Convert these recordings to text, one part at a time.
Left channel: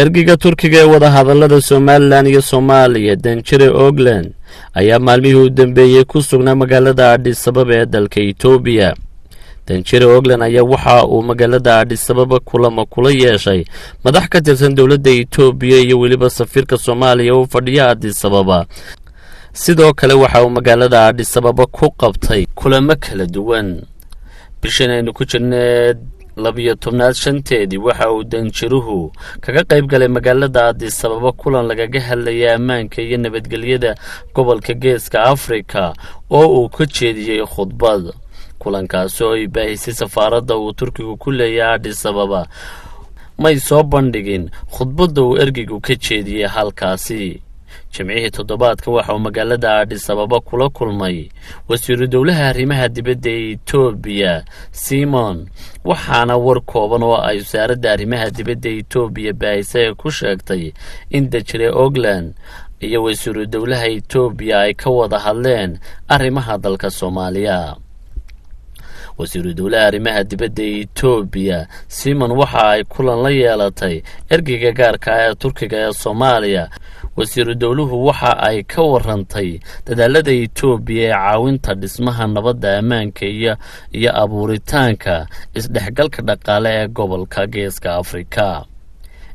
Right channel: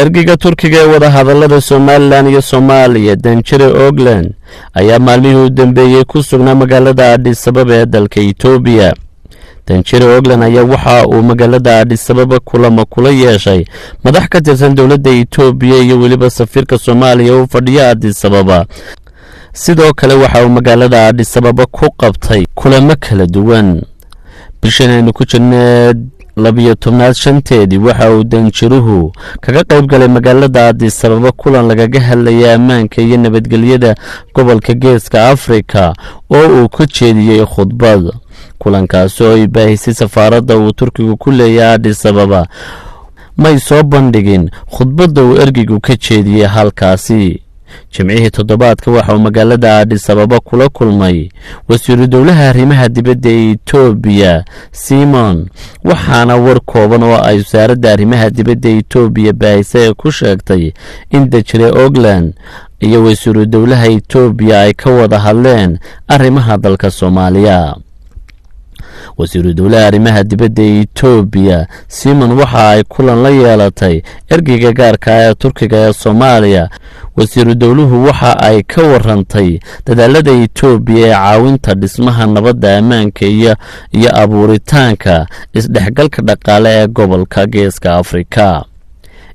Ergayga Turkiga ee wada hadallada Somaliland iyo Somaliya Shirar Somaliland ayaa maalmihii u dambeeyay ku sugnaa magaalada Addis ee dalka Itoobiya. Shirar Somaliland ayaa waxa uu magaalada Addis kulamo kula yeeshay madax ka tirsan dowladda Itoobiya iyo waliba safiirka Soomaaliya oo fadhiya Addis. Sidoo kale waxa uu magaalada Addis ku qabtay kulamo kala duwan. bishan aynu ku jirnay 12 waxa uu Shiruhu kaga qayb galay magaalada Addis kulan lagaga hadlayay ammaanka iyo nabadgelyada gobolka Geeska Afrika oo uu ka jeediyay khudbad. kulankaas oo ay baahisay safaaradda uu Turkigu ku leeyahay Addis may soo bandhigin khudbadda uu ergaygu ka jeediyay halkaasi. jimcihii toddobaadka waxa uu magaalada Addis kula kulmay wasiiru dowlaha arrimaha dibadda ee Itoobiya Simon, waxaana war kooban oo ay wasaaradda arrimaha dibadda ee Itoobiya baahisay ku sheegtay in Shirar Somaliland iyo wasiiru dowlaha Itoobiya ay ka wada hadleen arrimaha dalka Soomaaliya. wasiiru dowlaha arrimaha dibadda ee Itoobiya Simon waxa ay kulan la yeelatay ergayga gaarka ah ee Turkiga ee Soomaaliya. wasiiru dowluhu waxa ay ka warantay dadaalada Itoobiya ee caawinta dhismaha nabadda, ammaanka iyo abuuritaanka isdhexgalka dhaqaale ee gobolka Geeska Afrika.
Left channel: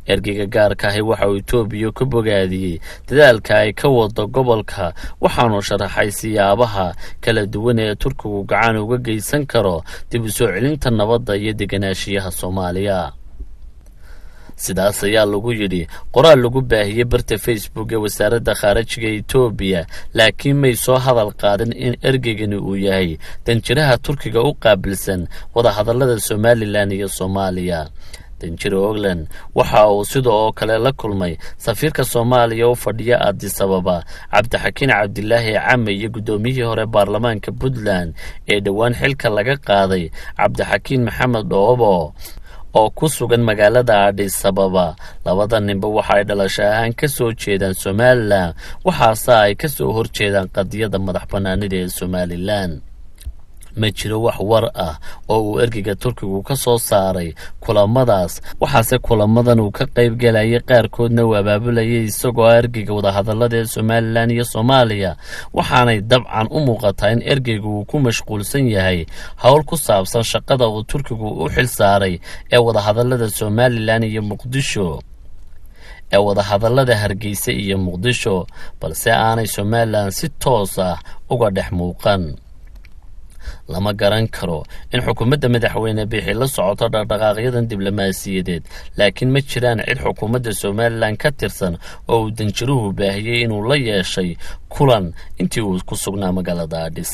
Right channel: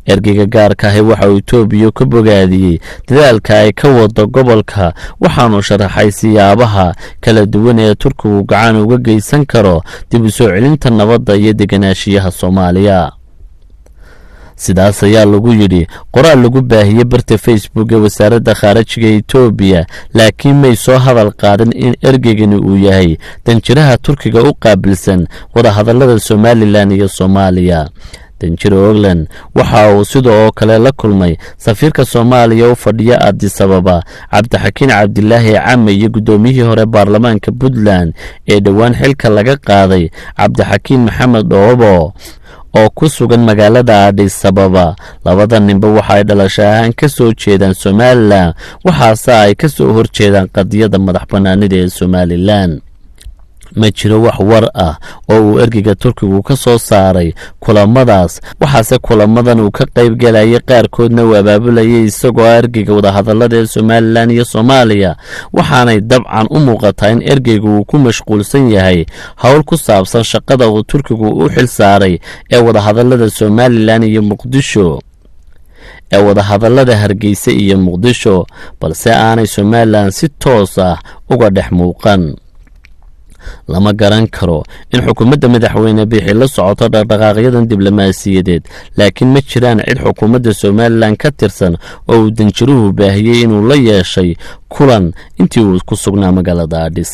ergayga gaarka ah waxa uu Itoobiya ka bogaadiyay dadaalka ay ka wado gobolka, waxaanu sharaxay siyaabaha kala duwan ee Turkigu gacan uga geysan karo dib u soo celinta nabadda iyo deganaanshiyaha Soomaaliya. sidaas ayaa lagu yidhi qoraal lagu baahiyay barta Facebook ee wasaaradda khaarijiga Itoobiya, laakiin may soo hadal qaadin in ergaygani uu yahay danjiraha Turkiga u qaabilsan wada hadallada Somaliland iyo Somaliya. Shirar Somaliland waxa uu sidoo kale la kulmay safiirka Soomaaliya oo fadhiya Addis Cabdixakiin Cabdilaahi Came iyo gudoomiyihii hore baarlamaanka Puntland ee dhawaan xilka laga qaaday Cabdixakiin Maxamed Dhoobo oo ku sugan magaalada Addis. labada ninba waxa ay dhalasho ahaan ka soo jeedaan Somaliland, waxaase ay ka soo horjeedaan qadiyadda madax-bannaanida ee Somaliland. ma jiro wax war ah oo uu ergayga Turkigu ka soo saaray kulamadaas, waxaase kulamadan uu ka qayb galayay qaarkoodna uu abaabulayay isagoo ergayga wada hadallada ee Somaliland iyo Somaliya, waxaanay dabcan u muuqataa in ergaygu uu ku mashquulsan yahay hawl ku saabsan shaqada uu Turkigu u xil saaray ee wada hadallada Somaliland iyo Muqdisho ee wada hadallada Hargeysa iyo Muqdisho, balse aanay Somaliland si toos ah uga dhex muuqan. lama garan karo in xukuumadda madaxweyne bixi la socoto dhaqdhaqaaqyadan diblomaasiyadeed, laakiin ma jiraan cid xukuumadda Somaliland ka tirsan oo uu Shiruhu baahiyay inuu la yeeshay kulan intii uu ku sugnaa magaalada Addis.